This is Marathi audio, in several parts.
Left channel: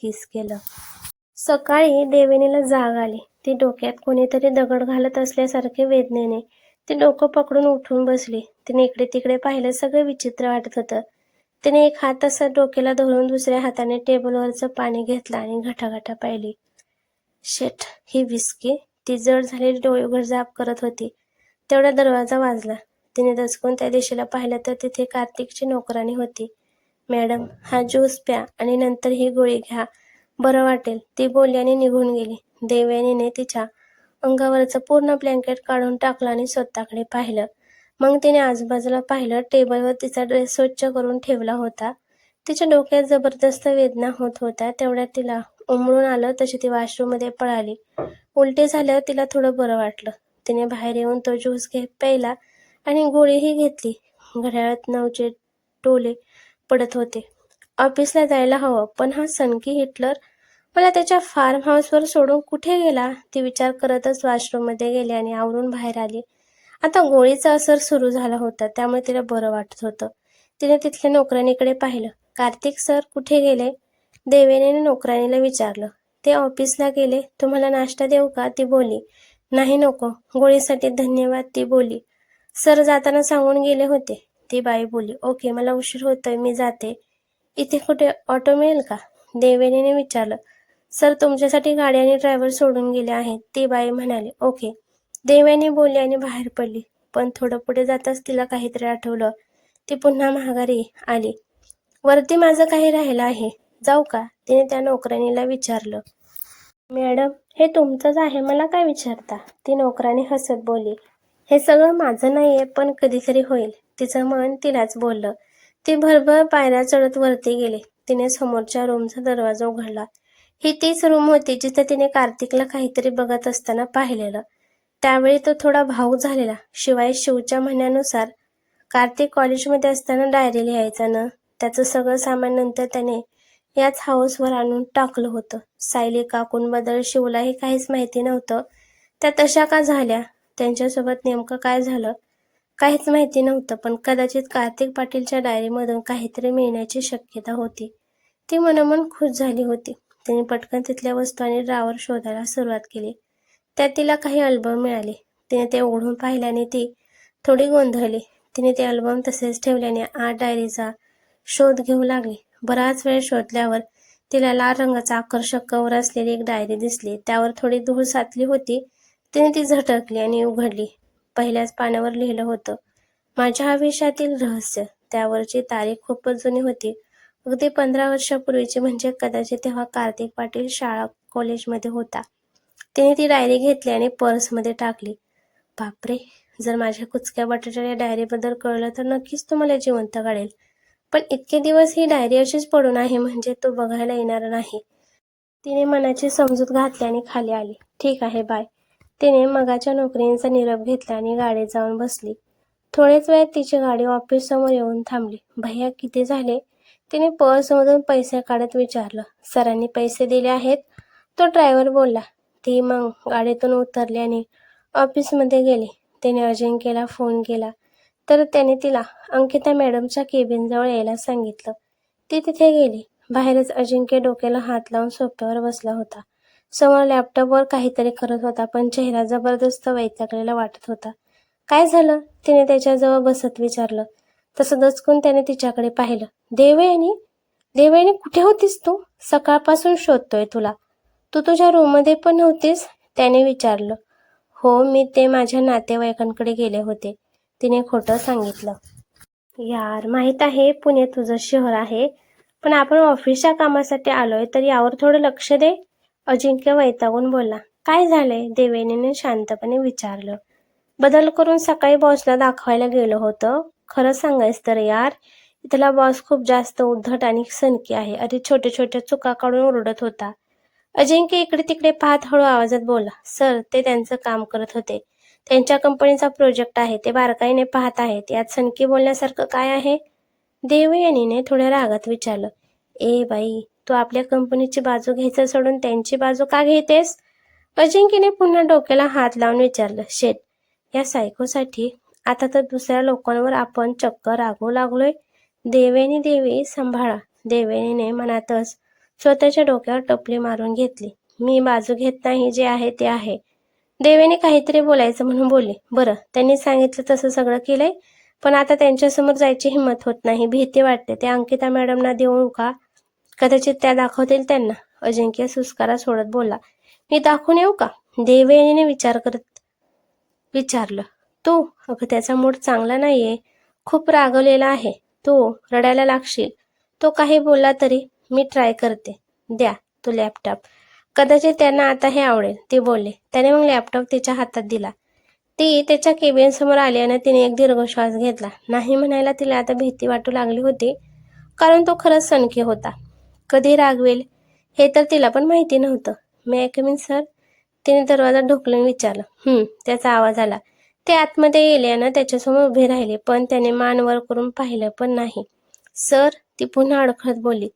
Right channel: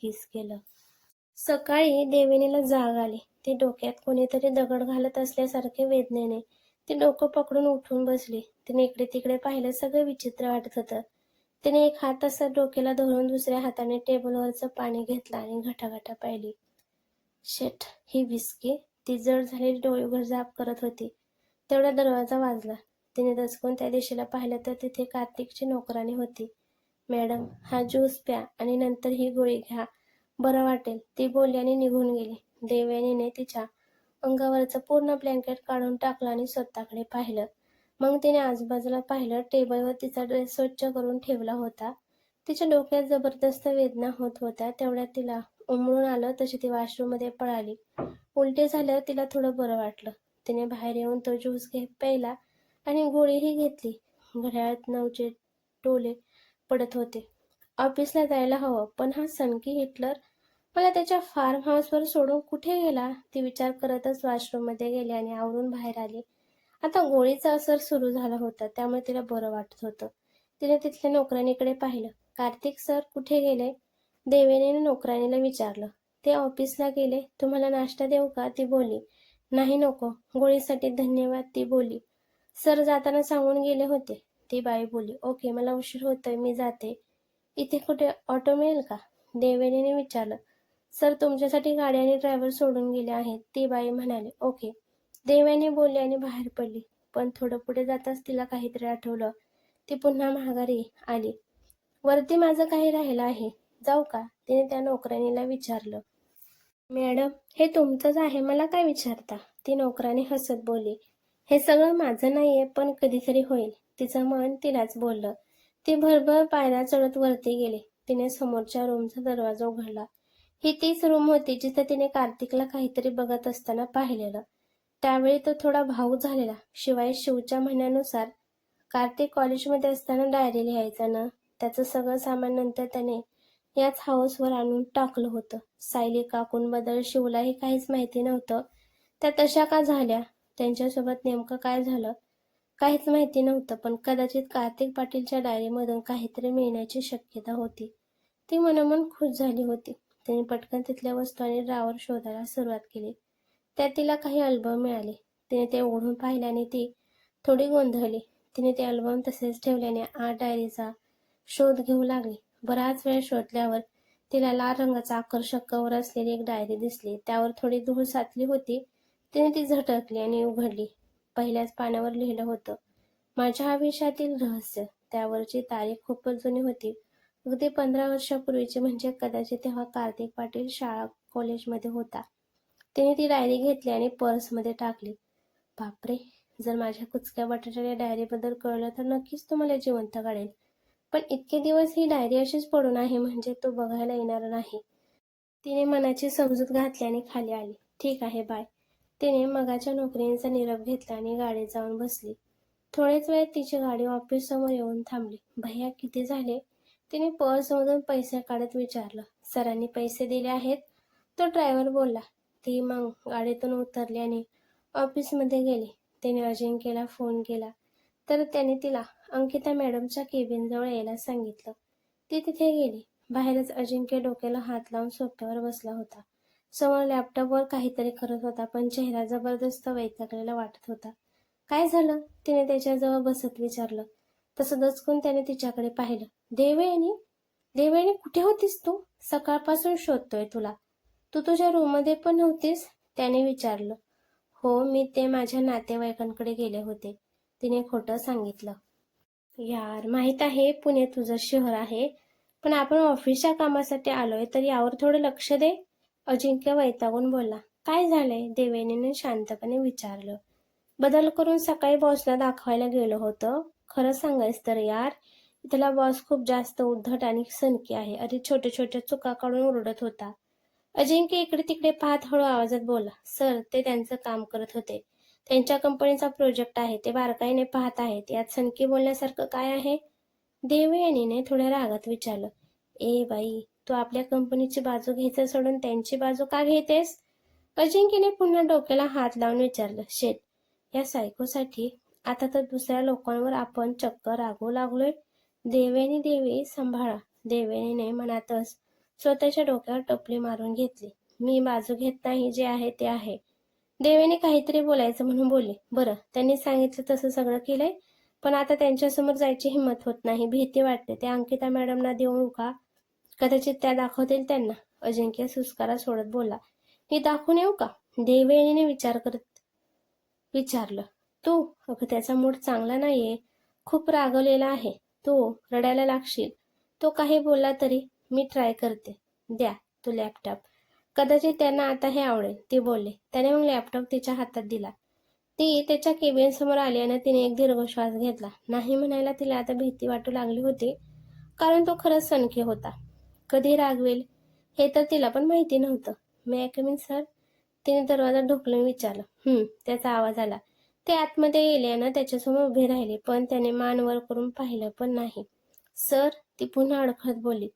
किस केलं. सकाळी देवयानीला जाग आली. ती डोक्यात कोणीतरी दगड घालत असल्यासारखे वेदनेने ती डोकं पकडून उठून बसली. तिने इकडे तिकडे पाहिलं. सगळं विचित्र वाटत होतं. तिने एक हात असा डोक्याला धरून दुसऱ्या हाताने टेबलवरचं पाणी घेतलं आणि घटाघटा पाहिली. शेट, ही विस्की. ती जड झालेली डोळे उघडझाप करत होती. तेवढा दरवाजा वाजला. तिने दचकून त्या दिशेला पाहिलं तर तिथे कार्तिकची नोकराणी होती. मॅडम, हा ज्यूस प्या आणि नंतर ही गोळी घ्या, बरं वाटेल, ती बोलली आणि निघून गेली. देवयानीने तिच्या अंगावरचं पूर्ण ब्लँकेट काढून टाकलं आणि स्वतःकडे पाहिलं. मग तिने आजूबाजूला पाहिलं. टेबलवर तिचा ड्रेस स्वच्छ करून ठेवला होता. तिच्या डोक्यात जबरदस्त वेदना होत होत्या. तेवढ्यात तिला उमळून आलं तशी ती वॉशरूममध्ये पळाली. उलटी झाल्यावर तिला थोडं बरं वाटलं. तिने बाहेर येऊन तो ज्यूस प्यायला आणि गोळीही घेतली. घड्याळात 9चे टोले पडत होते. ऑफिसला जायला हवं, पण हा सनकी हिटलर मला त्याच्या फार्म हाऊसवर सोडून कुठे गेला? ती विचार करतच वॉशरूममध्ये गेली आणि आवरून बाहेर आली. आता गोळीचा असर सुरू झाला होता, त्यामुळे तिला बरं वाटत होतं. तिने तिथल्या नोकराणीकडे पाहिलं. कार्तिक सर कुठे गेले? देवयानीने नोकराणीला विचारलं. ते ऑफिसला गेले. तुम्हाला नाश्ता देऊ का? ती बोलली. नाही नको, गोळीसाठी धन्यवाद, ती बोलली. सर जाताना सांगून गेले होते. ती बाई बोलली. ओके, मला उशीर होतोय, मी जाते. इथे कुठे ऑटो मिळेल का? देवयानीने विचारलं. सर तुमच्यासाठी गाडी आणि ड्रायव्हर सोडून गेले आहेत, ती बाई म्हणाली. ओके, देवयानी बोलली आणि बाहेर पडली. पण थोडं पुढे जाताच तिला काहीतरी आठवलं. ती पुन्हा माघारी आली. वरती माझं काही राहिलं आहे, जाऊ का? तिने त्या नोकराणीला विचारलं. मॅडम, हे तुमचंच आहे, मला काय विचारता? ती नोकराणी हसत बोलली. हे सगळं माझं नाहीये, पण कधीतरी होईल. तिचं मन तिलाच बोललं. ती भरभर पायऱ्या चढत वरती गेली. तिने समोरच्या रूमचा दरवाजा उघडला. ही तीच रूम होती जिथे तिने कार्तिकला काहीतरी बघत असताना पाहिलेलं. त्यावेळी तो थोडा भावूक झालेला. शिवाय शिवच्या म्हणण्यानुसार कार्तिक कॉलेजमध्ये असताना डायरी लिहायचा ना, त्याचं सगळं सामान नंतर त्याने याच हाऊसवर आणून टाकलं होतं. सायली काकूंबद्दल शिवलाही काहीच माहिती नव्हतं. त्या तशा का झाल्या, त्यांच्यासोबत नेमकं काय झालं, काहीच माहिती नव्हतं. पण कदाचित कार्तिक पाटीलच्या डायरीमधून काहीतरी मिळण्याची शक्यता होती. ती मनोमन खुश झाली होती. तिने पटकन तिथल्या वस्तू आणि ड्रॉवर शोधायला सुरुवात केली. त्यात तिला काही अल्बम मिळाले. तिने ते उघडून पाहिल्याने ती थोडी गोंधळली. तिने ते अल्बम तसेच ठेवल्याने आत डायरीचा शोध घेऊ लागली. बराच वेळ शोधल्यावर तिला लाल रंगाचा आकर्षक कव्हर असलेली एक डायरी दिसली. त्यावर थोडी धूळ साचली होती. तिने ती झटकली आणि उघडली. पहिल्याच पानावर लिहिलं होतं, माझ्या आयुष्यातील रहस्य. त्यावरची तारीख खूपच जुनी होती, अगदी 15 वर्षापूर्वीची. म्हणजे कदाचित तेव्हा कार्तिक पाटील शाळा कॉलेजमध्ये होता. तिने ती डायरी घेतली आणि पर्समध्ये टाकली. बापरे, जर माझ्या कुचक्या बटाट्याच्या डायरीबद्दल कळलं तर नक्कीच तो मला जिवंत काढेल. पण इतके दिवस ही डायरी अशीच पडून आहे, म्हणजे तो बघायला येणार नाही. तिने मनाची समजूत घातली आणि खाली आली. ठीक आहे, बाय. तिने मगाच्या नोकरीचा निरोप घेतला आणि गाडीत जाऊन बसली. थोड्याच वेळात तिची गाडी ऑफिससमोर येऊन थांबली. भैया, किती झाले? तिने पर्समधून पैसे काढत विचारलं. सरांनी पैसे दिले आहेत, तो ड्रायव्हर बोलला. ती मग गाडीतून उतरली आणि ऑफिसमध्ये गेली. तिने अजिंक्यला फोन केला तर त्याने तिला अंकिता मॅडमच्या केबिनजवळ यायला सांगितलं. ती तिथे गेली. बाहेरच अजिंक्य डोक्याला हात लावून सोफ्यावर बसला होता. समोर लॅपटॉपवर काहीतरी करत होता, पण चेहरा जबरदस्त वैतागलेला वाटत होता. काय झालं? तिने त्याच्याजवळ बसत विचारलं. तसं दचकून त्याने तिच्याकडे पाहिलं. देवयानी, देवयानी, कुठे होतीस तू? सकाळपासून शोधतोय तुला. तू तुझ्या रूममध्ये पण नव्हतीस? त्याने विचारलं. हो, मी ते माझ्या नातेवाईकांकडे गेले होते, तिने खोटं सांगितलं. यार, माहीत आहे पुणे तुझं शहर आहे, पण आपण ऑफिसच्या कामासाठी आलोय, तर यावर थोडं लक्ष दे, अजिंक्य वैतागून बोलला. काय झालंय? देवयानीने शांतपणे विचारलं. बदल करून सकाळी बॉसला दाखवायला गेलो होतं. खरं सांगायचं तर यार, इथला बॉस खूप जास्त उद्धट आणि सनकी आहे. अरे छोट्या छोट्या चुका काढून ओरडत होता. अजिंक्य इकडे तिकडे पाहत हळू आवाजात बोलला. सर, ते त्यांचं काम करत होते. त्यांच्या कंपनीचा प्रोजेक्ट आहे, ते बारकाईने पाहत आहेत. यात सनकी बोलण्यासारखं काय आहे? देवयानीने थोड्या रागात विचारलं. ए बाई, तू आपल्या कंपनीची बाजू घ्यायचं सोडून त्यांची बाजू का घेतेस? अजिंक्यने पुन्हा डोक्याला हात लावून विचारलं. शेट, या सायकोसाठी आता तर दुसऱ्या लोकांवर आपण चक्क रागवू लागलोय. देवयानी देवी, सांभाळा. देवयानीने मनातच स्वतःच्या डोक्यावर टपली मारून घेतली. मी बाजू घेत नाही, जे आहे ते आहे. देवेने काहीतरी बोलायचं म्हणून बोलली. बरं, त्यांनी सांगितलं तसं सगळं केलंय, पण आता त्यांच्यासमोर जायची हिंमत होत नाही. भीती वाटते. ते अंकिता मॅडमना देऊ का? कदाचित त्या दाखवतील त्यांना. अजिंक्य सुस्कारा सोडत बोलला. मी दाखवून येऊ का? देवयानीने विचार करत विचारलं. तू? अगं, त्याचा मूड चांगला नाहीये. खूप रागवलेला आहे. तू रडायला लागशील. तो काही बोलला तरी मी ट्राय करते. द्या तो लॅपटॉप. कदाचित त्यांना आता हे आवडेल, ती बोलली. त्याने मग लॅपटॉप तिच्या हातात दिला. ती त्याच्या केबिन समोर आली आणि तिने एक दीर्घ श्वास घेतला. नाही म्हणायला तिला आता भीती वाटू लागली होती, कारण तो खरंच सनकी होता. कधी रागवेल हे तर तिला पण माहिती नव्हतं. मे आय कम इन सर? तिने दरवाजा ढोकलून विचारलं. त्याचा आवाज आला. ते आतमध्ये गेले आणि त्याच्यासमोर उभे राहिले, पण त्याने मान वर करून पाहिलं पण नाही. सर, ती पुन्हा अडखळत बोलली.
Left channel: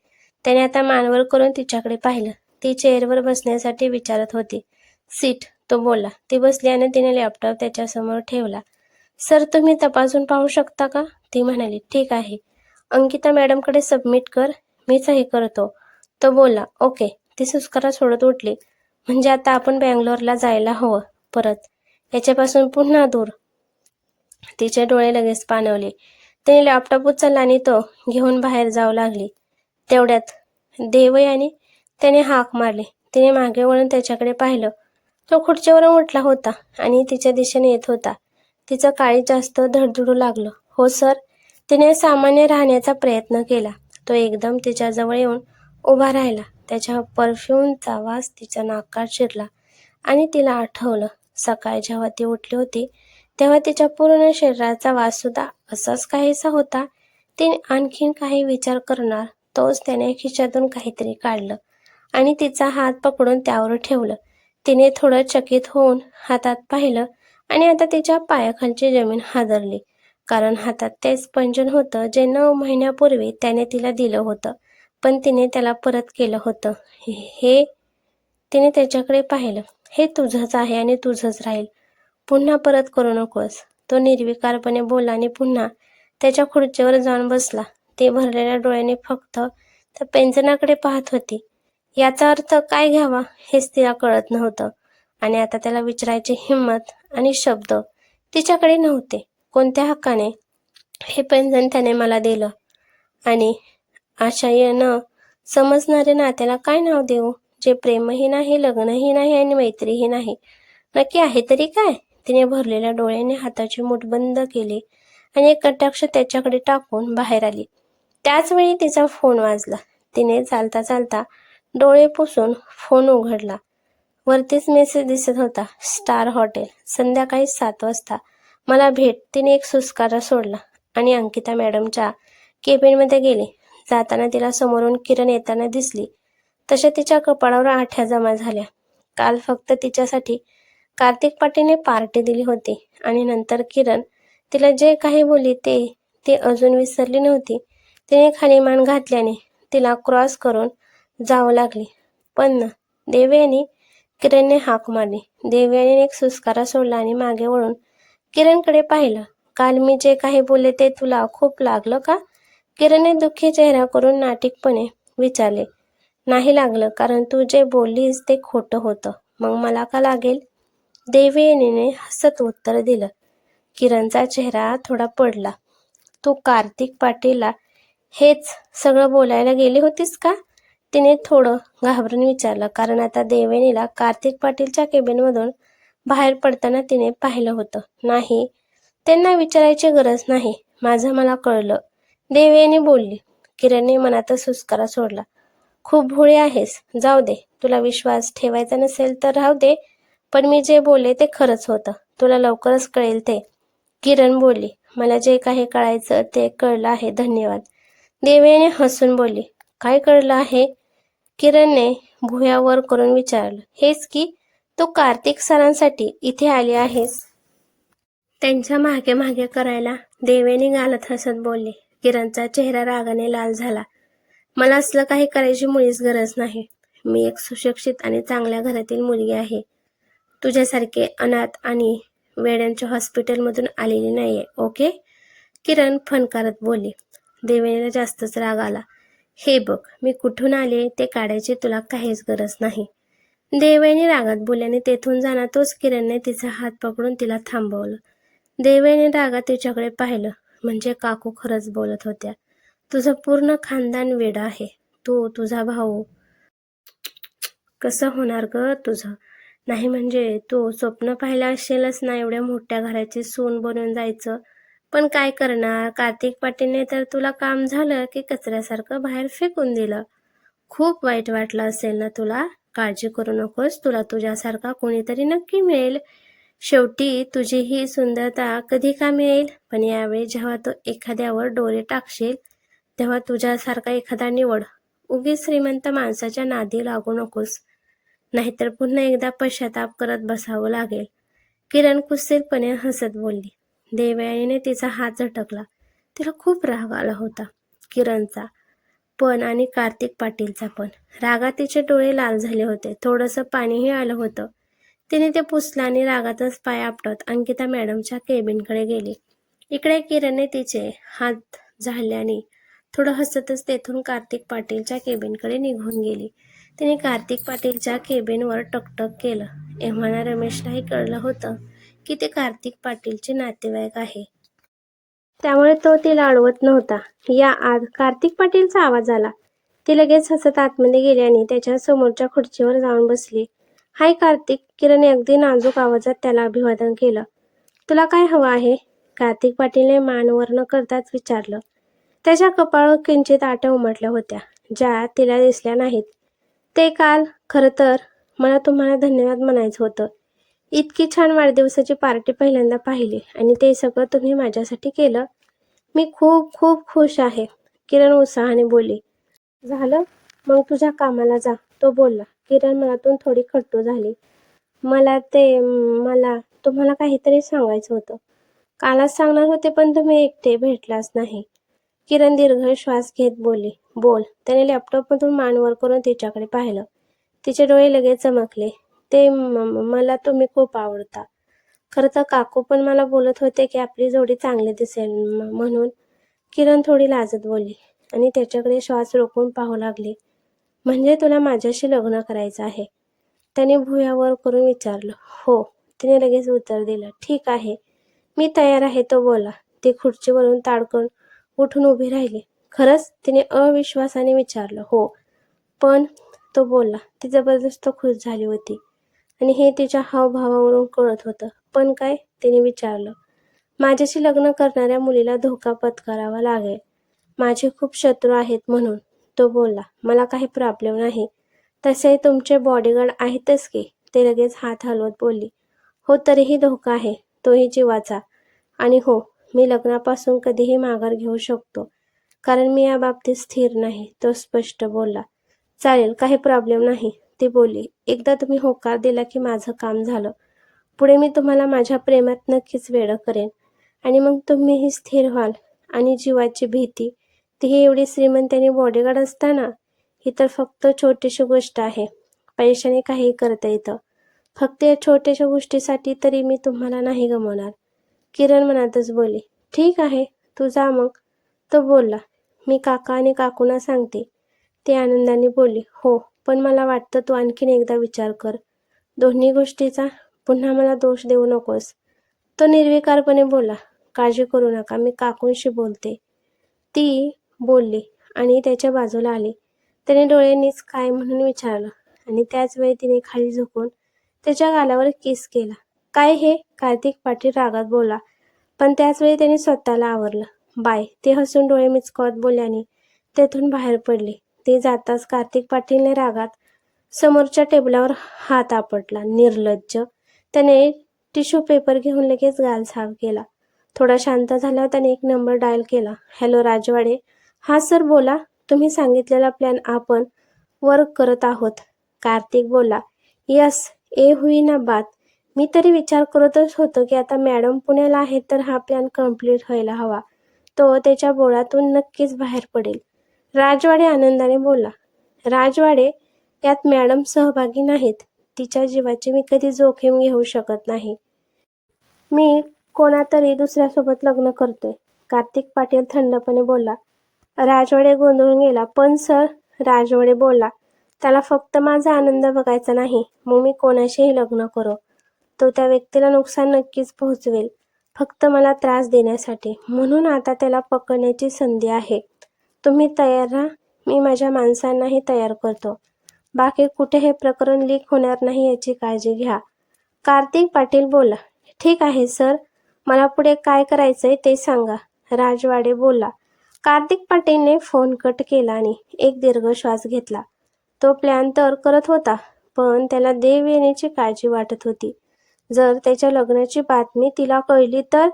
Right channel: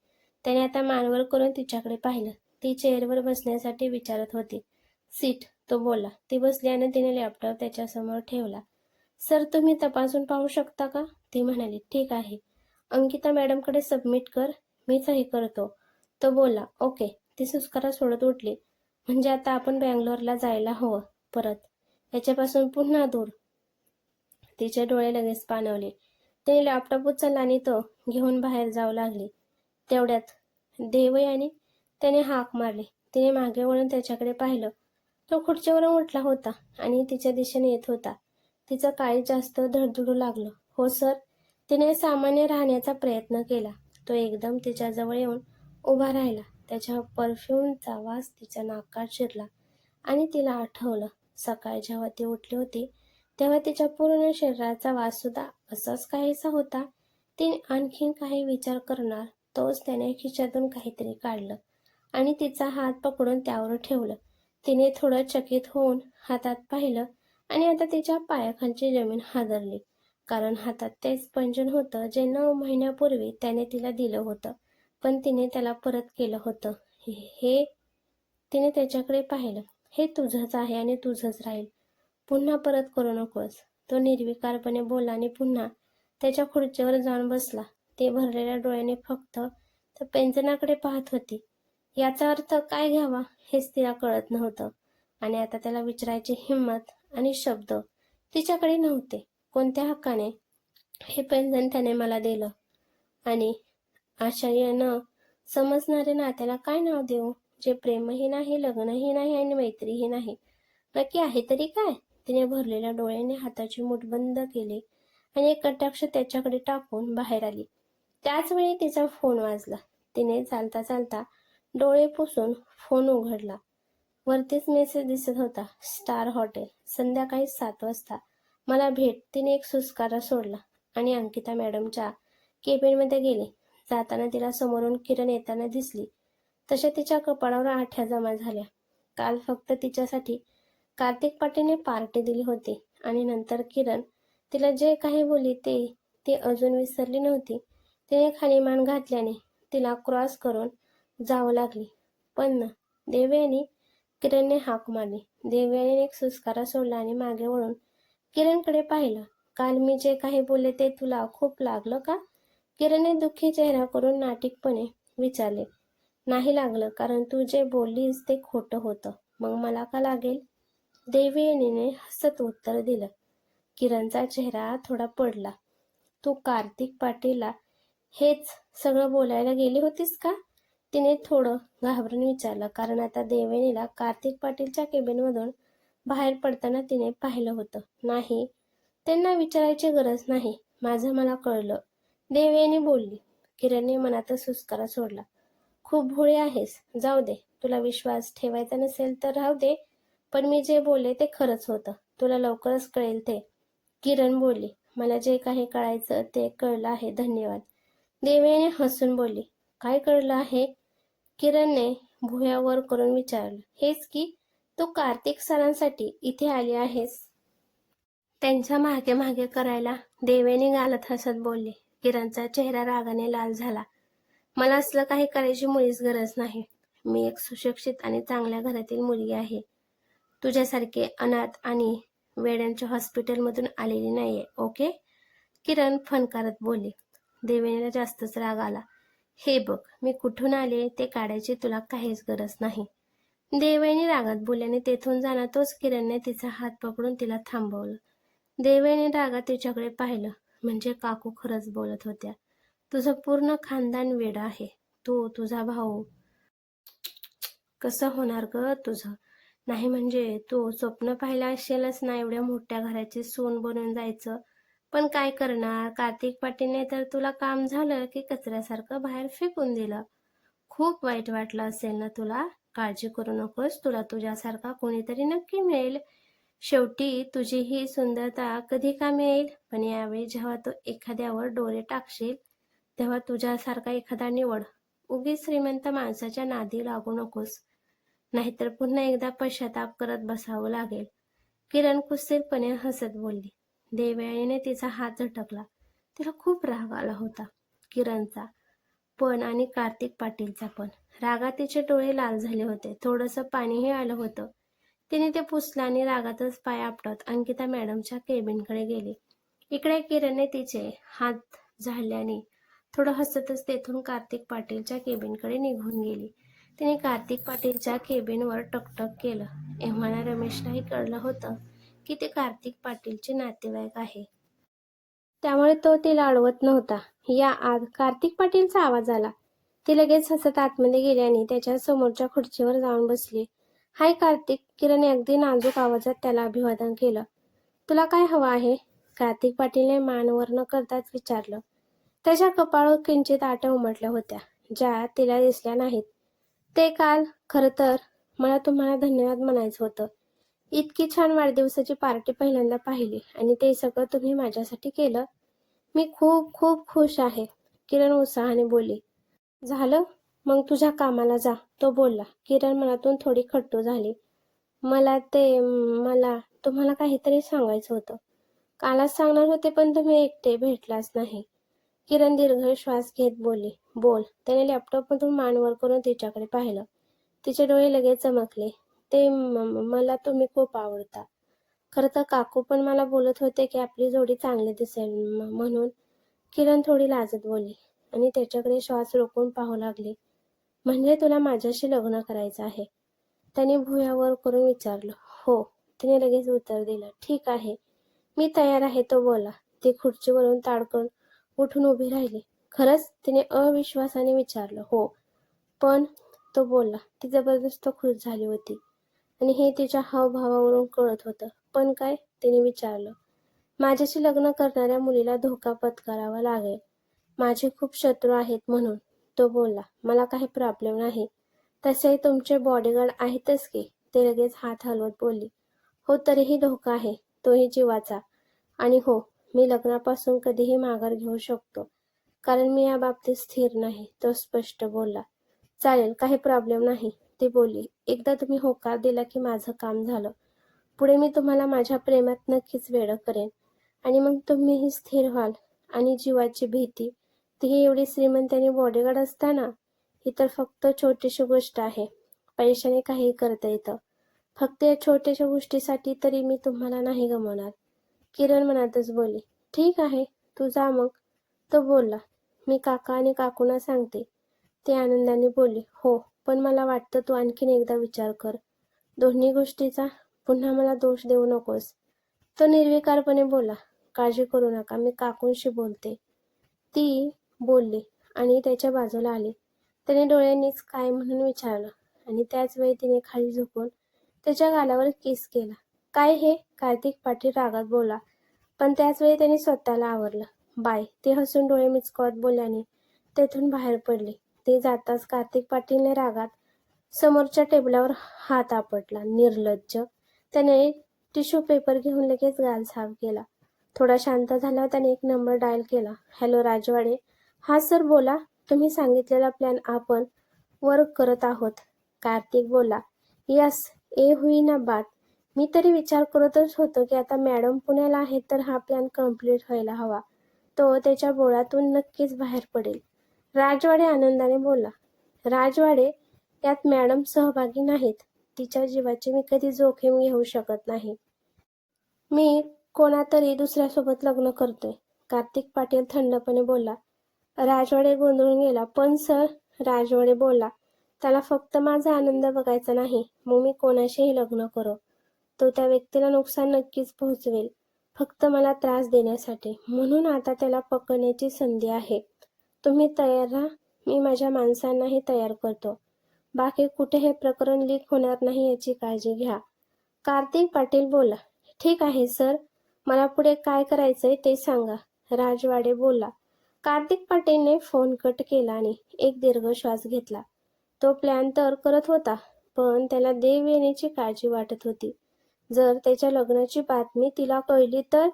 त्याने आता मान वर करून तिच्याकडे पाहिलं. ती चेअरवर बसण्यासाठी विचारत होती. सीट, तो बोलला. ती बसली आणि तिने लॅपटॉप त्याच्यासमोर ठेवला. सर, तुम्ही तपासून पाहू शकता का? ती म्हणाली. ठीक आहे. अंकिता मॅडमकडे सबमिट कर, मी सही करतो. तो बोलला. ओके. ती सुस्कारा सोडत उठली. म्हणजे आता आपण बँगलोरला जायला हवं परत, याच्यापासून पुन्हा दूर. तिचे डोळे लगेच पाणवले. तिने लॅपटॉप उचलला आणि तो घेऊन बाहेर जाऊ लागली. तेवढ्यात देवयानी त्याने हाक मारली. तिने मागे वळून त्याच्याकडे पाहिलं. तो खुर्चीवरून उठला होता आणि तिच्या दिशेने येत होता. तिचं काळीज जास्त धडधडू लागलं. हो सर. तिने सामान्य राहण्याचा प्रयत्न केला. तो एकदम तिच्याजवळ येऊन उभा राहिला. त्याच्या परफ्यूमचा वास तिच्या नाकात शिरला आणि तिला आठवलं, सकाळी जेव्हा ती उठली होती तेव्हा तिच्या पूर्ण शरीराचा वास सुद्धा असाच काहीसा होता. तिने आणखीन काही विचार करणार तोच त्याने खिशातून काहीतरी काढलं आणि तिचा हात पकडून त्यावर ठेवलं. तिने थोडं चकित होऊन हातात पाहिलं आणि आता तिच्या पायाखालची जमीन हादरली, कारण हातात तेच पैंजण होतं जे 9 महिन्यापूर्वी त्याने तिला दिलं होतं, पण तिने त्याला परत केलं होतं. हे तिने त्याच्याकडे पाहिलं. हे तुझंच आहे आणि तुझंच राहील. पुन्हा परत करू नकोस. तो निर्विकारपणे बोलला आणि पुन्हा त्याच्या खुर्चीवर जाऊन बसला. ती भरलेल्या डोळ्यांनी फक्त त्या पैंजणाकडे पाहत होती. याचा अर्थ काय घ्यावा हेच तिला कळत नव्हतं. आणि आता त्याला विचारायची हिंमत आणि शब्द तिच्याकडे नव्हते. कोणत्या हक्काने हे पैंजण त्याने मला दिलं? आणि आशय न समजणारे नात्याला काय नाव देऊ, जे प्रेमही नाही, लग्नही नाही आणि मैत्रीही नाही? नक्की आहे तरी काय? तिने भरलेल्या डोळ्याने हाताची मूठ बंद केली आणि एक कटाक्ष त्याच्याकडे टाकून बाहेर आली. त्याचवेळी तिचा फोन वाजला. तिने चालता चालता डोळे पुसून फोन उघडला. वरतीच मेसेज दिसत होता. स्टार हॉटेल, संध्याकाळी 7 वाजता मला भेट. तिने एक सुस्कारा सोडला आणि अंकिता मॅडमच्या केबिनमध्ये गेली. जाताना तिला समोरून किरण येताना दिसली. तशा तिच्या कपाळावर आठ्या जमा झाल्या. काल फक्त तिच्यासाठी कार्तिक पाटीलने पार्टी दिली होती आणि नंतर किरण तिला जे काही बोलली ती अजून विसरली नव्हती. तिने खाली मान घातल्याने तिला क्रॉस करून जावं लागली. पण देवयानी, किरणने हाक मारली. देवयानीने एक सुस्कारा सोडला आणि मागे वळून किरणकडे पाहिलं. काल मी जे काही बोलले ते तुला खूप लागलं का? किरणने दुःखी चेहरा करून नाटिकपणे विचारले. नाही लागलं, कारण तू जे बोललीस ते खोटं होतं. मग मला का लागेल? देवयानीने हसत उत्तर दिलं. किरणचा चेहरा थोडा पडला. तू कार्तिक पाटीलला हेच सगळं बोलायला गेली होतीस का? तिने थोडं घाबरून विचारलं, कारण आता देवयानीला कार्तिक पाटीलच्या केबिनमधून बाहेर पडताना तिने पाहिलं होतं. नाही, त्यांना विचारायची गरज नाही. माझं मला कळलं, देवयानी बोलली. किरणने मनातच सुस्कारा सोडला. खूप भोळी आहेस. जाऊ दे, तुला विश्वास ठेवायचा नसेल तर राहू दे, पण मी जे बोलले ते खरंच होतं. तुला लवकरच कळेल ते. किरण बोलली. मला जे काही कळायचं ते कळलं आहे, धन्यवाद. देवयानी हसून बोलली. काय कळलं आहे? किरणने भुयावर करून विचारलं. हेच की तू कार्तिक सरांसाठी इथे आली आहेस. त्यांच्या मागे मागे करायला. देवयानी गालत हसत बोलली. किरणचा चेहरा रागाने लाल झाला. मला असलं काही करायची मुळीच गरज नाही. मी एक सुशिक्षित आणि चांगल्या घरातील मुलगी आहे. तुझ्यासारखे अनाथ आणि वेड्यांच्या हॉस्पिटलमधून आलेली नाहीये. ओके? किरण फणकारत बोलली. देवयानीला जास्तच राग आला. हे बघ, मी कुठून आले ते काढायची तुला काहीच गरज नाही. देवयानी रागात बोलल्याने तेथून जाणारच किरणने तिचा हात पकडून तिला थांबवलं. देवयानी रागात तिच्याकडे पाहिलं. म्हणजे काकू खरंच बोलत होत्या. तुझं पूर्ण खानदान वेडं आहे. तू, तुझा भाऊ. कसं होणार ग तुझं? नाही म्हणजे तू स्वप्न पाहिलं असेलच ना एवढ्या मोठ्या घराची सून बनून जायचं. पण काय करणार, कार्तिक पाटीलने तर तुला काम झालं की कचऱ्यासारखं बाहेर फेकून दिलं. खूप वाईट वाटलं असेल ना तुला. काळजी करू नकोस, तुला तुझ्यासारखा कोणीतरी नक्की मिळेल. शेवटी तुझी ही सुंदरता कधी कामी येईल. पण यावेळी जेव्हा तू एखाद्यावर डोळे टाकशील तेव्हा तुझ्यासारखा एखादा निवड. उगीच श्रीमंत माणसाच्या नादी लागू नकोस, नाहीतर पुन्हा एकदा पश्चाताप करत बसावं लागेल. किरण कुत्सितपणे हसत बोलली. देवयानीने तिचा हात झटकला. तिला खूप राग आला होता. किरणचा पण आणि कार्तिक पाटीलचा पण. रागात तिचे डोळे लाल झाले होते. थोडंसं पाणीही आलं होतं. तिने ते पुसलं आणि रागातच पाय आपटत अंकिता मॅडमच्या केबिनकडे गेली. इकडे किरणने तिचे हात झाडल्याने थोडं हसतच तेथून कार्तिक पाटीलच्या केबिनकडे निघून गेली. तिने कार्तिक पाटीलच्या केबिनवर टकटक केलं. एव्हाना रमेशलाही कळलं होतं की ते कार्तिक पाटीलचे नातेवाईक आहे. त्यामुळे तो तिला अडवत नव्हता. या आत कार्तिक पाटीलचा आवाज आला. ती लगेच हसत आतमध्ये गेली आणि त्याच्या समोरच्या खुर्चीवर जाऊन बसली. हाय कार्तिक. किरणने अगदी नाजूक आवाजात त्याला अभिवादन केलं. तुला काय हवं आहे? कार्तिक पाटीलने मान वर न करताच विचारलं. त्याच्या कपाळावर किंचित आट्या उमटल्या होत्या, ज्या तिला दिसल्या नाहीत. ते काल, खरं तर मला तुम्हाला धन्यवाद म्हणायचं होतं. इतकी छान वाढदिवसाची पार्टी पहिल्यांदा पाहिली आणि ते सगळं तुम्ही माझ्यासाठी केलं. मी खूप खूप खुश आहे. किरण उत्साहाने बोलली. झालं? मग तुझ्या कामाला जा, तो बोलला. किरण मनातून थोडी खट्टू झाली. मला तुम्हाला काहीतरी सांगायचं होतं. कालच सांगणार होते पण तुम्ही एकटे भेटलाच नाही. किरण दीर्घ श्वास घेत बोलली. बोल. त्याने लॅपटॉपमधून मान वर करून तिच्याकडे पाहिलं. तिचे डोळे लगेच चमकले. मला तुम्ही खूप आवडता. खरं तर काकू पण मला बोलत होते की आपली जोडी चांगली दिसेल म्हणून. किरण थोडी लाजत बोलली आणि त्याच्याकडे श्वास रोखून पाहू लागली. म्हणजे तुला माझ्याशी लग्न करायचं आहे? त्याने भुयावर करून विचारलं. हो. तिने लगेच उत्तर दिलं. ठीक आहे, मी तयार आहे, तो बोलला. ती खुर्चीवरून ताडकन उठून उभी राहिली. खरंच? तिने अविश्वासाने विचारलं. हो. पण, तो बोलला. ती जबरदस्त खुश झाली होती आणि हे तिच्या हावभावावरून कळत होतं. पण काय? तिने विचारलं. माझ्याशी लग्न करणाऱ्या मुलीला धोका पत्करावा लागेल. माझे खूप शत्रू आहेत म्हणून, तो बोलला. मला काही प्रॉब्लेम नाही. तसे तुमचे बॉडीगार्ड आहेतच की. ते लगेच हात हलवत बोलली. हो, तरीही धोका आहे, तोही जीवाचा. आणि हो, मी लग्नापासून कधीही माघार घेऊ शकतो, कारण मी या बाबतीत स्थिर नाही, तो स्पष्ट बोलला. चालेल, काही प्रॉब्लेम नाही, ती बोलली. एकदा तुम्ही होकार दिला की माझं काम झालं. पुढे मी तुम्हाला माझ्या प्रेमात नक्कीच वेडं करेन आणि मग तुम्हीही स्थिर व्हाल. आणि जीवाची भीती, तीही एवढी श्रीमंत आणि बॉडीगार्ड असताना. ही तर फक्त छोटीशी गोष्ट आहे. पैशाने काही करता येतं. फक्त या छोट्याशा गोष्टीसाठी तरी मी तुम्हाला नाही गमावणार. किरण मनातच बोलली. ठीक आहे, तू जा मग, तो बोलला. मी काका आणि काकूंना सांगते, ती आनंदाने बोलली. हो, पण मला वाटतं तू आणखीन एकदा विचार कर दोन्ही गोष्टीचा. पुन्हा मला दोष देऊ नकोस, तो निर्विकारपणे बोलला. काळजी करू नका, मी काकूंशी बोलते, ती बोलली आणि त्याच्या बाजूला आली. त्याने डोळ्यांनीच काय म्हणून विचारलं आणि त्याच वेळी तिने खाली झुकून त्याच्या गालावर किस केला. काय हे? कार्तिक पाटील रागात बोलला, पण त्याचवेळी त्याने स्वतःला आवरलं. बाय. ते हसून डोळे मिचकावत बोलल्याने तेथून बाहेर पडली. ती जाताच कार्तिक पाटीलने रागात समोरच्या टेबलावर हात आपटला. निर्लज्ज. त्याने टिश्यू पेपर घेऊन लगेच गाल साफ केला. थोडा शांत झाल्यावर त्याने एक नंबर डायल केला. हॅलो राजवाडे. हा सर बोला. तुम्ही सांगितलेला प्लॅन आपण वर्क करत आहोत, कार्तिक बोलला. यस, ए हुई ना बात. मी तरी विचार करतच होतो की आता मॅडम पुण्याला आहेत तर हा प्लॅन कम्प्लीट व्हायला हवा. तो त्याच्या बोळातून नक्कीच बाहेर पडेल. राजवाडे आनंदाने बोलला. राजवाडे, यात मॅडम सहभागी नाहीत. तिच्या जीवाची मी कधी जोखीम घेऊ शकत नाही. मी कोणातरी दुसऱ्यासोबत लग्न करतोय, कार्तिक पाटील थंडपणे बोलला. राजवाडे गोंधळून गेला. पण सर, राजवाडे बोलला, त्याला फक्त माझा आनंद बघायचा नाही, मग मी कोणाशीही लग्न करो. तो त्या व्यक्तीला नुकसान नक्कीच पोहोचवेल, फक्त मला त्रास देण्यासाठी. म्हणून आता त्याला पकडण्याची संधी आहे. तुम्ही तयार राहा, मी माझ्या माणसांनाही तयार करतो. बाकी कुठे हे प्रकरण लीक होणार नाही याची काळजी घ्या. कार्तिक पाटील बोलला, ठीक आहे सर, मला पुढे काय करायचंय ते सांगा. राजवाडे बोलला. कार्तिक पाटीलने फोन कट केला आणि एक दीर्घ श्वास घेतला. तो प्लॅन तर करत होता, पण त्याला देव येण्याची काळजी वाटत होती. जर त्याच्या लग्नाची बातमी तिला कळली तर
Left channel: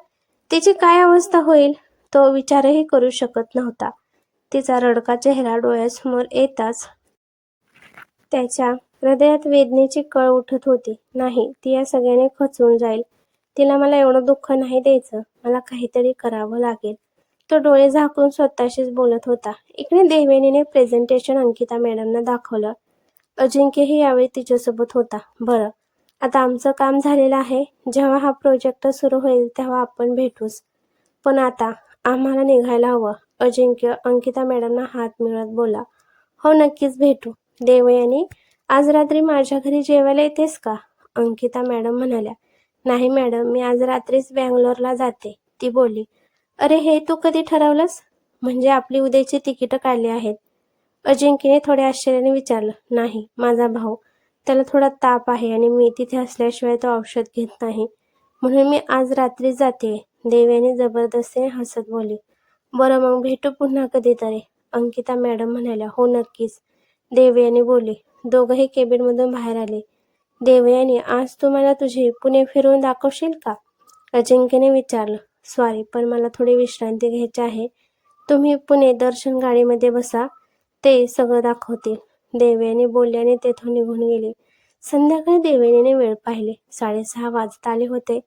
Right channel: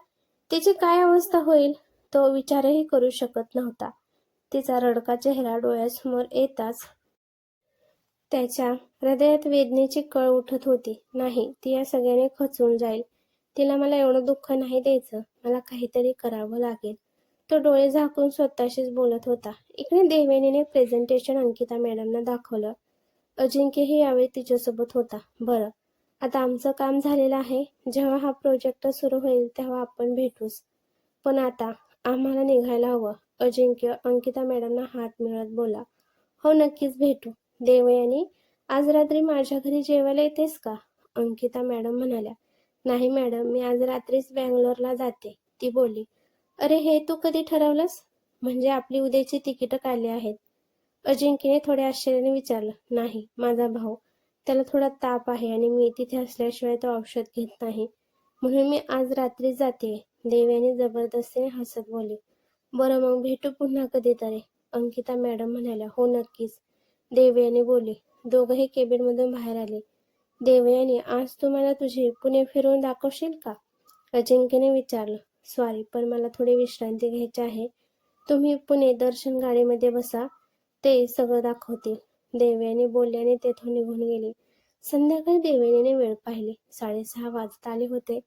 तिची काय अवस्था होईल, तो विचारही करू शकत नव्हता. तिचा रडका चेहरा डोळ्यासमोर येताच त्याच्या हृदयात वेदनेची कळ उठत होती. नाही, ती या सगळ्याने खचून जाईल. तिला मला एवढं दुःख नाही द्यायचं, मला काहीतरी करावं लागेल. तो डोळे झाकून स्वतःशीच बोलत होता. इकडे देवयानीने प्रेझेंटेशन अंकिता मॅडमना दाखवलं. अजिंक्यही यावेळी तिच्यासोबत होता. बरं, आता आमचं काम झालेलं आहे. जेव्हा हा प्रोजेक्ट सुरू होईल तेव्हा आपण भेटूच. पण आता आम्हाला निघायला हवं. अजिंक्य अंकिता मॅडमना हात मिळत बोला. हो, नक्कीच भेटू. देवयानी, आज रात्री माझ्या घरी जेवायला येतेस का? अंकिता मॅडम म्हणाल्या. नाही मॅडम, मी आज रात्रीच बँगलोरला जाते, ती बोलली. अरे, हे तू कधी ठरवलंस? म्हणजे आपली उद्याची तिकीटं काढली आहेत. अजिंक्यने थोड्या आश्चर्याने विचारलं. नाही, माझा भाऊ, त्याला थोडा ताप आहे आणि मी तिथे असल्याशिवाय तो औषध घेत नाही, म्हणून मी आज रात्री जाते. देवयानी जबरदस्तीने हसत बोलली. बरं, मग भेटू पुन्हा कधीतरी, अंकिता मॅडम म्हणाल्या. हो, नक्कीच, देवयानी बोलली. दोघंही केबिनमधून बाहेर आले. देवयानी, आज तू मला तुझी पुणे फिरवून दाखवशील का? अजिंक्यने विचारलं. सॉरी, पण मला थोडी विश्रांती घ्यायची आहे. तुम्ही पुणे दर्शन गाडीमध्ये बसा, ते सगळं दाखवतील. देवयानी बोलल्याने तेथून निघून गेली. संध्याकाळी देवयानीने वेळ पाहिले. 6:30 वाजत आले होते.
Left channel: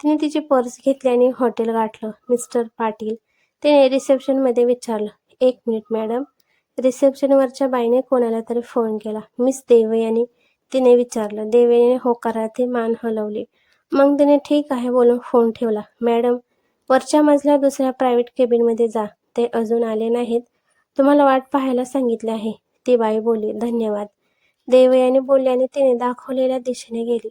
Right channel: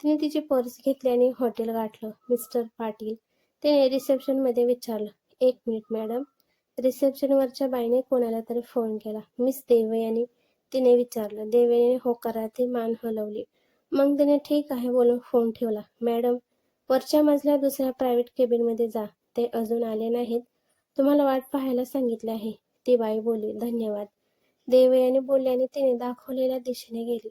तिने तिची पर्स घेतली आणि हॉटेल गाठलं. मिस्टर पाटील, तिने रिसेप्शनमध्ये विचारलं. 1 मिनिट मॅडम. रिसेप्शनवरच्या बाईने कोणाला तरी फोन केला. मिस देवयानी, तिने विचारलं. देवयानीने होकारार्थी मान हलवली. मग तिने ठीक आहे बोलून फोन ठेवला. मॅडम, वरच्या मजल्या दुसऱ्या प्रायव्हेट केबिनमध्ये जा, ते अजून आले नाहीत. तुम्हाला वाट पाहायला सांगितले आहे, ती बाई बोलली. धन्यवाद, देवयानी बोलली आणि तिने दाखवलेल्या दिशेने गेली.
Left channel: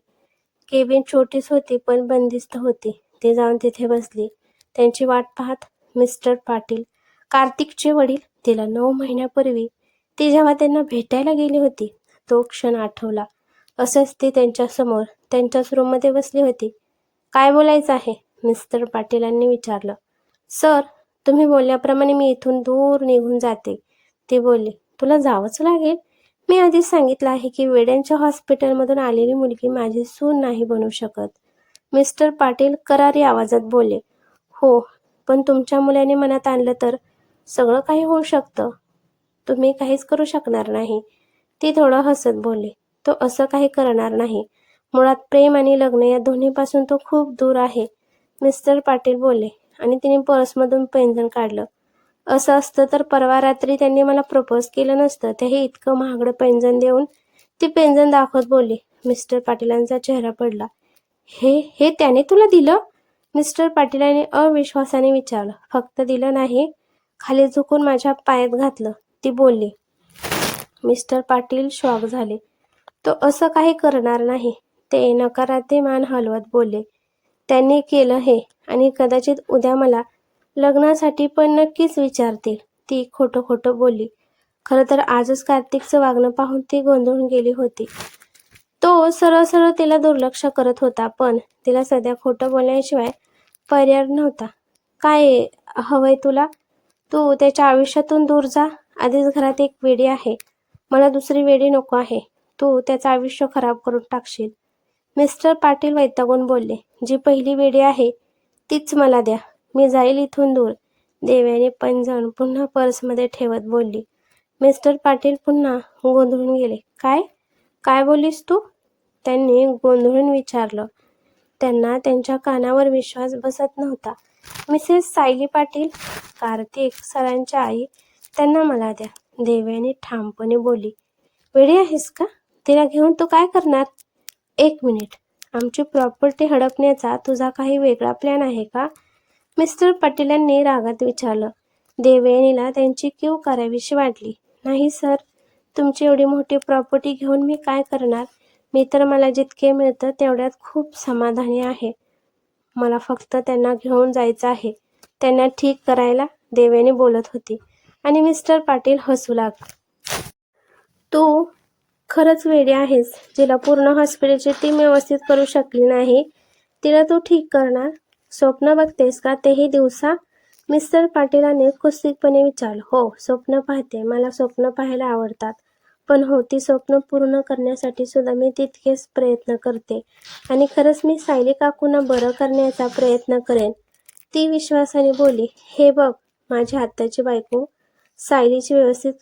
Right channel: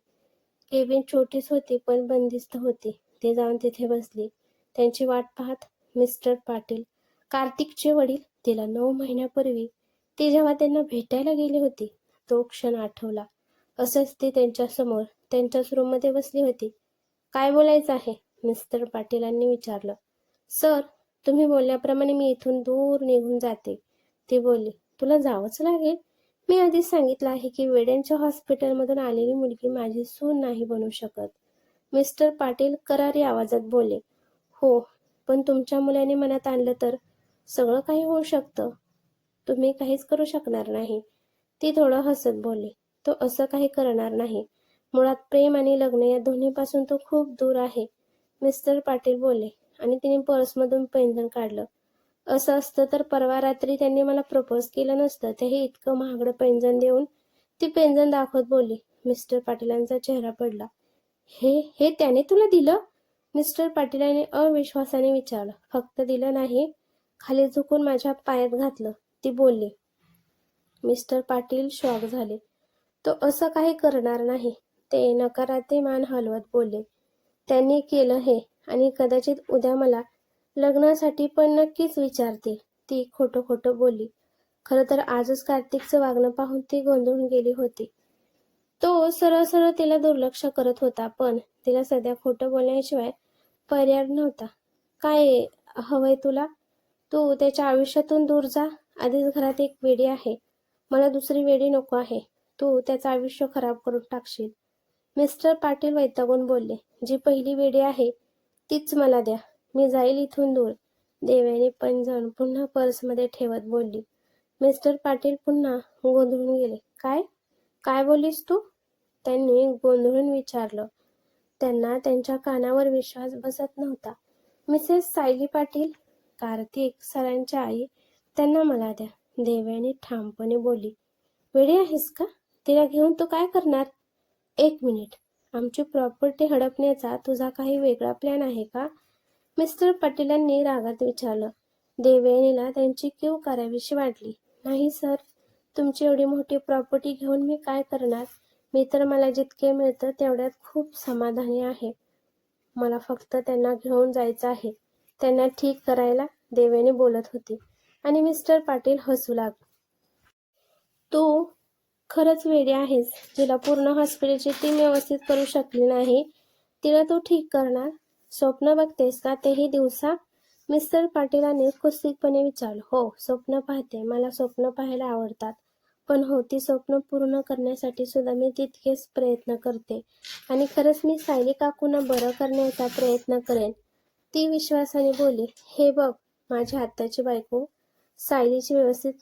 केबिन छोटीच होती पण बंदिस्त होती. ती जाऊन तिथे बसली. त्यांची वाट पाहत मिस्टर पाटील, कार्तिकचे वडील, तिला 9 महिन्यापूर्वी ती जेव्हा त्यांना भेटायला गेली होती तो क्षण आठवला. असंच ती त्यांच्यासमोर त्यांच्याच रूममध्ये बसली होती. काय बोलायचं आहे? मिस्टर पाटीलांनी विचारलं. सर, तुम्ही बोलल्याप्रमाणे मी इथून दूर निघून जाते, ती बोलली. तुला जावंच लागेल. मी आधीच सांगितलं आहे की वेड्यांच्या हॉस्पिटलमधून आलेली मुलगी माझी सून नाही बनू शकत. मिस्टर पाटील करारी आवाजात बोलले. हो, पण तुमच्या मुलाने मनात आणलं तर सगळं काही होऊ शकतं. तुम्ही काहीच करू शकणार नाही, ती थोडं हसत बोलली. तो असं काही करणार नाही. मुळात प्रेम आणि लग्न या दोन्हीपासून तो खूप दूर आहे, मिस्टर पाटील बोलले आणि तिने पर्समधून पैंजण काढलं. असं असतं तर परवा रात्री त्यांनी मला प्रपोज केलं नसतं, तेही इतकं महागडं पैंजण देऊन, ती पैंजण दाखवत बोलली. मिस्टर पाटीलांचा चेहरा पडला. हे हे त्याने तुला दिलं? मिस्टर पाटीलांनी अविश्वासाने विचारलं. फक्त दिलं नाही, खाली झुकून माझ्या पायात घातलं, ती बोलली. मिस्टर पाटील शॉक झाले. तो असं काही करणार नाही, ते नकारार्थी मान हलवत बोलले. त्यांनी केलं हे आणि कदाचित उद्या मला लग्नासाठी पण नक्कीच विचारतील, ती खोटं खोटं बोलली. खरं तर आजच कार्तिकचं वागणं पाहून ती गोंधळून गेली होती. तो सरळ सरळ तिला दुर्लक्ष करत होता, पण तिला सध्या खोटं बोलण्याशिवाय पर्याय नव्हता. काय हवंय तुला? तू त्याच्या आयुष्यातून दूर जा. आधीच घरात एक वेडी आहे, मला दुसरी वेडी नको आहे. तू त्याचं आयुष्य खराब करून टाकशील, मिस्टर पाटील वैतागून बोलले. जी पहिली वेडी आहे तीच मला द्या, मी जाईल इथून दूर, देवयानी पैंजण पुन्हा पर्समध्ये ठेवत बोलली. मिस्टर पाटील पुन्हा गोंधळून गेले. काय काय बोललीस तू? त्यांनी गोंधळून विचारलं. त्यांना त्यांच्या कानावर विश्वास बसत नव्हता. मिसेस सायली पाटील, कार्तिक सरांच्या आई, त्यांना मला द्या, देवयानी ठामपणे बोलली. वेडी आहेस का? तिला घेऊन तू काय करणार? 1 मिनिट, आमची प्रॉपर्टी हडपण्याचा तुझा काही वेगळा प्लॅन आहे का? मिस्टर पाटीलांनी रागात विचारलं. देवयानीला त्यांची कीव करावीशी वाटली. नाही सर, तुमची एवढी मोठी प्रॉपर्टी घेऊन मी काय करणार? मी तर मला जितके मिळतं तेवढ्यात खूप समाधानी आहे. मला फक्त त्यांना घेऊन जायचं आहे. त्यांना ठीक करायला, देवयानी बोलत होती आणि मिस्टर पाटील हसू लागले. तू खरंच वेडी आहेस. जिला पूर्ण हॉस्पिटलची टीम व्यवस्थित करू शकली नाही, तिला तू ठीक करणार? स्वप्न बघतेस का, तेही दिवसा? मिस्टर पाटीलांनी कुत्सितपणे विचारलं. हो, स्वप्न पाहते. मला स्वप्न पाहायला आवडतात. पण हो, ती स्वप्न पूर्ण करण्यासाठी सुद्धा मी तितकेच प्रयत्न करते. आणि खरंच मी सायली काकूंना बरं करण्याचा प्रयत्न करेन. ती विश्वासाने बोलली. हे बघ माझी आत्याची बायको, सायलीची व्यवस्थित